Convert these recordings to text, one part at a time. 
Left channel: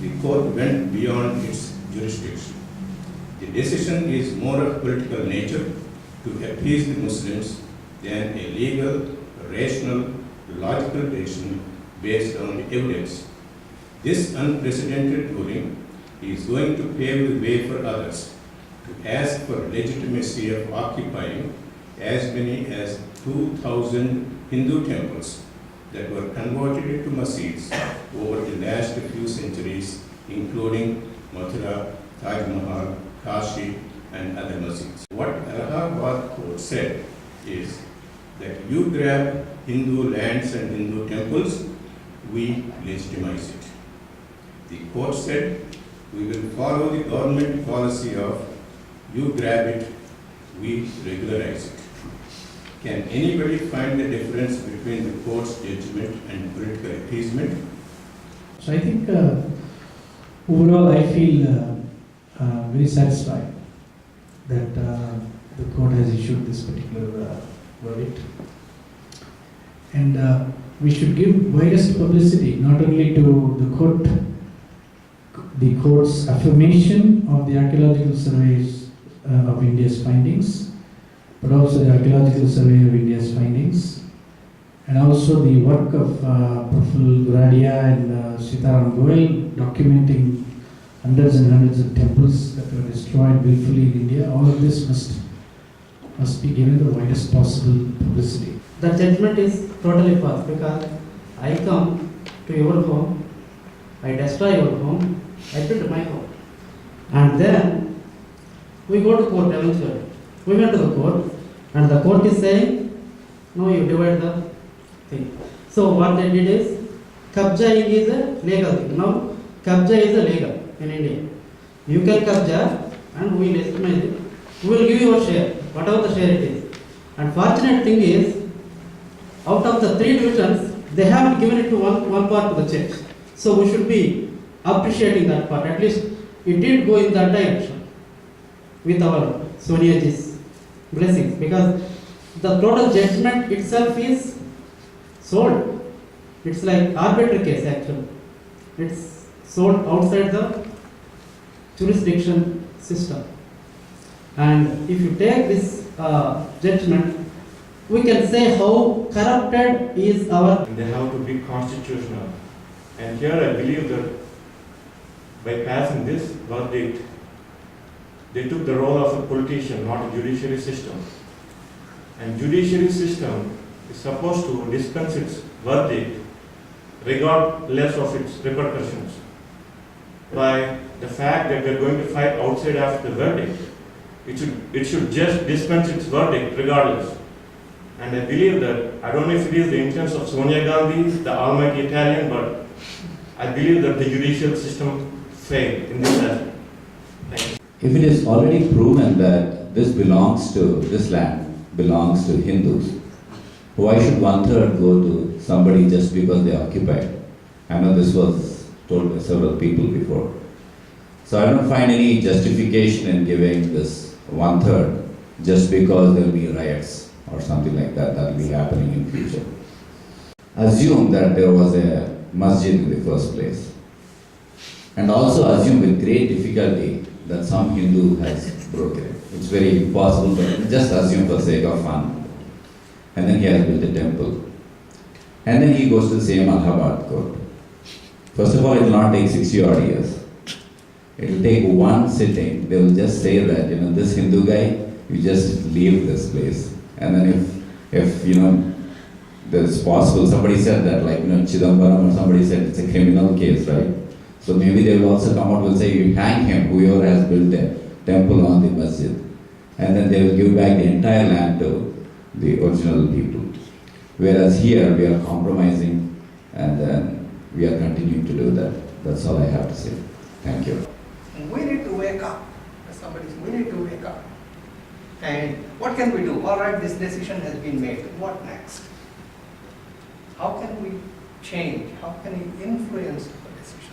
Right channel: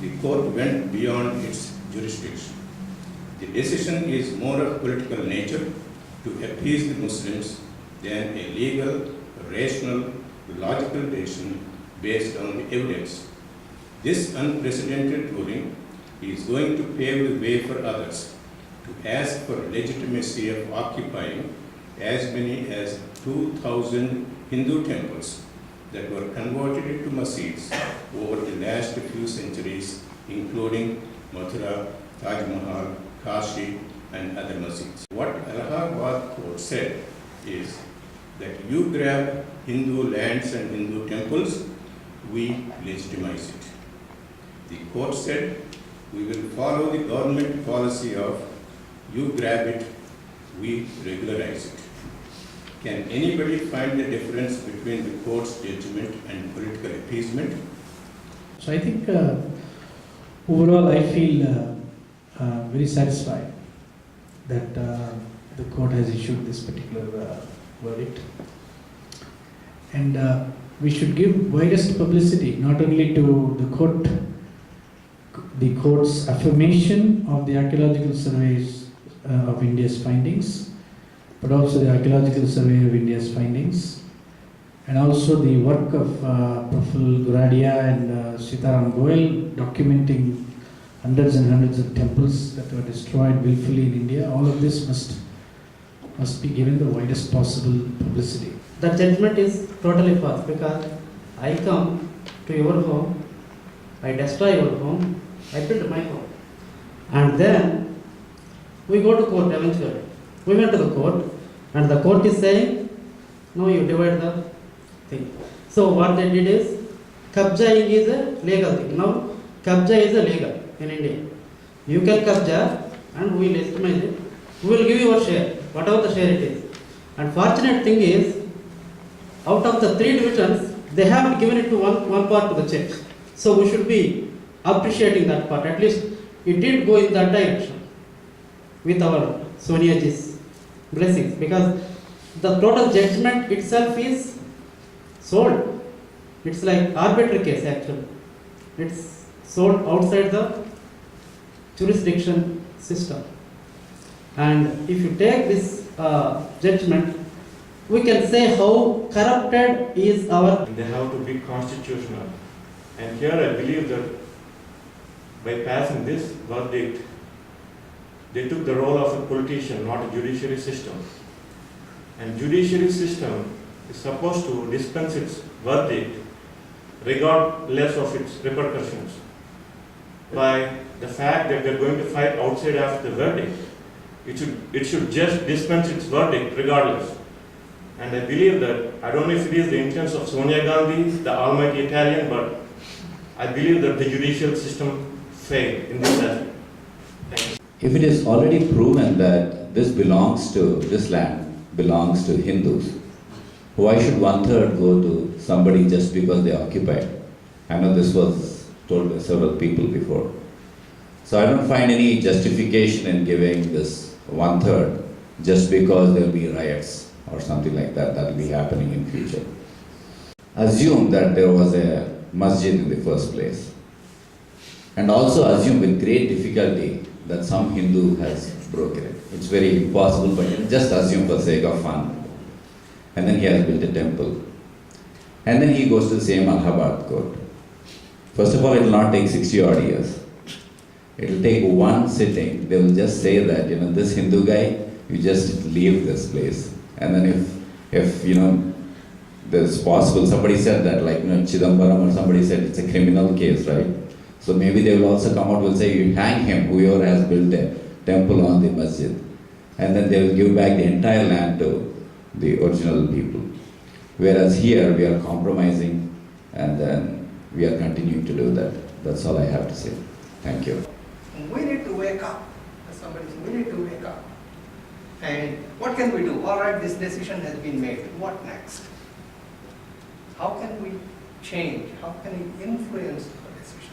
The court went beyond its jurisdiction. The decision is more of political nature to appease the Muslims than a legal, rational, logical decision based on the evidence. This unprecedented ruling is going to pave the way for others to ask for legitimacy of occupying as many as 2,000 Hindu temples that were converted into masjids over the last few centuries, including Mathura, Taj Mahal, Kashi, and other masjids. What Allahabad court said is that you grab Hindu lands and Hindu temples, we legitimize it. The court said we will follow the government policy of you grab it, we regularize it. Can anybody find the difference between the court's judgment and political appeasement? So I think overall I feel very satisfied that the court has issued this particular verdict. And we should give widest publicity not only to the court's affirmation of the archaeological surveys of India's findings, but also the archaeological survey of India's findings, and also the work of Praful Guradia and Sitaram Goel documenting hundreds and hundreds of temples that were destroyed willfully in India. All of this must be given the widest possible publicity. The judgment is totally false because I come to your home, I destroy your home, I build my home. And then we go to court eventually. We went to the court and the court is saying, no, you divide the thing. So what they did is, kabjaing is a legal thing. Now, kabja is illegal in India. You can kabja and we will estimate it. We will give you a share, whatever the share it is. And fortunate thing is, out of the 3 divisions, they haven't given it to one part to the church. So we should be appreciating that part. At least it did go in that direction with our Sonia ji's blessings, because the total judgment itself is sold. It's like arbitrary case actually. It's sold outside the jurisdiction system. And if you take this judgment, we can say how corrupted is our... They have to be constitutional. And here I believe that by passing this verdict, they took the role of a politician, not a judiciary system. And judiciary system is supposed to dispense its verdict regardless of its repercussions. By the fact that they're going to fight outside after the verdict, it should just dispense its verdict regardless. And I believe that, I don't know if it is the intention of Sonia Gandhi, the almighty Italian, but I believe that the judicial system failed in this aspect. Thank you. If it is already proven that this land belongs to Hindus, why should 1/3 go to somebody just because they occupied? I know this was told by several people before. So I don't find any justification in giving this 1/3 just because there will be riots or something like that will be happening in future. Assume that there was a masjid in the first place. And also assume with great difficulty that some Hindu has broken it. It's very impossible, but just assume for sake of fun. And then he has built a temple. And then he goes to the same Allahabad court. First of all, it will not take 60 odd years. It will take one sitting. They will just say that, this Hindu guy, you just leave this place. And then if there's possible, somebody said that, like, Chidambaram or somebody said it's a criminal case, right? So maybe they will also come out and say, you hang him, whoever has built a temple on the masjid. And then they will give back the entire land to the original people. Whereas here, we are compromising and then we are continuing to do that. That's all I have to say. Thank you. We need to wake up. Somebody said, we need to wake up. And what can we do? All right, this decision has been made. What next? How can we change? How can we influence our decisions?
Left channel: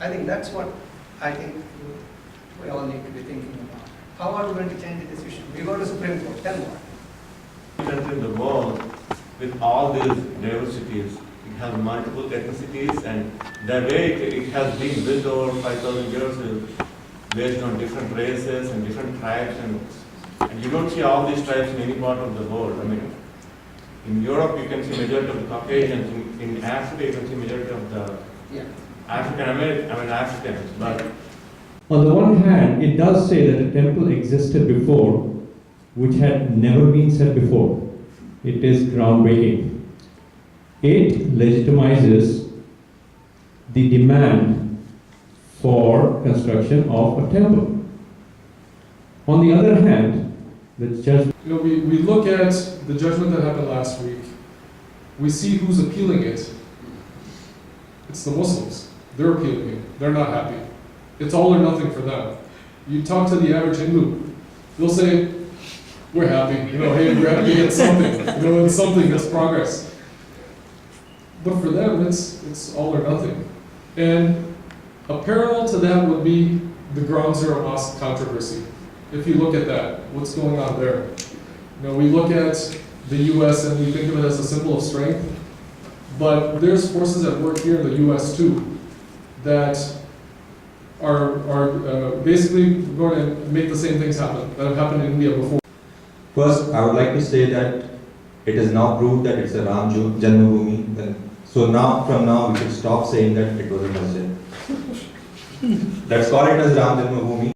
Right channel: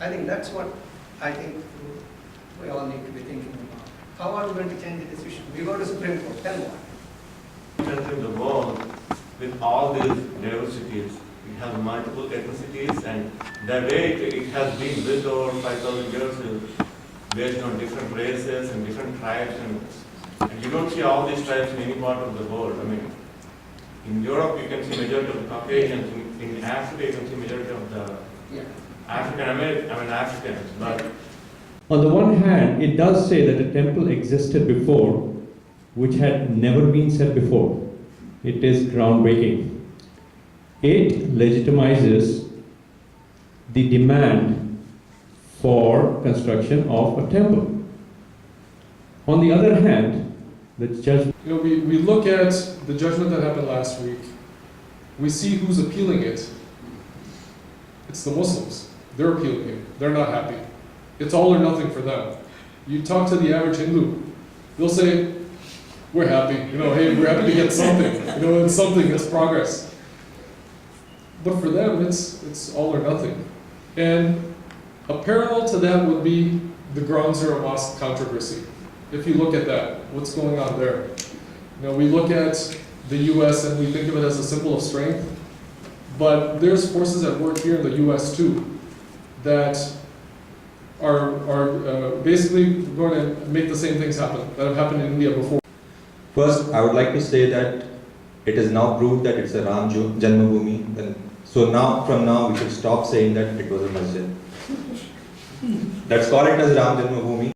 I think that's what we all need to be thinking about. How are we going to change the decision? We go to Supreme Court, then what? In the world, with all these diversities. It has multiple ethnicities, and the way it has been built over 5,000 years is based on different races and different tribes, and you don't see all these tribes in any part of the world. I mean, in Europe you can see majority of the Caucasians, in Africa you can see majority of the Africans, but On the one hand, it does say that a temple existed before, which had never been said before. It is groundbreaking. It legitimizes the demand for construction of a temple. On the other hand, the judgment. You know, we look at the judgment that happened last week. We see who's appealing it. It's the Muslims. They're appealing it. They're not happy. It's all or nothing for them. You talk to the average Hindu, they'll say, we're happy. You know, hey, we're happy to get something. You know, it's something, it's progress. But for them, it's all or nothing. And a parallel to that would be the Ground Zero Mosque controversy. If you look at that, what's going on there? You know, we look at the U.S. and we think of it as a symbol of strength, but there's forces at work here in the U.S. too that are basically going to make the same things happen that have happened in India before. First, I would like to say that it is now proved that it's a Ram Janmabhoomi. Then, so now, from now, we should stop saying that it was a masjid. Let's call it as Ram Janmabhoomi.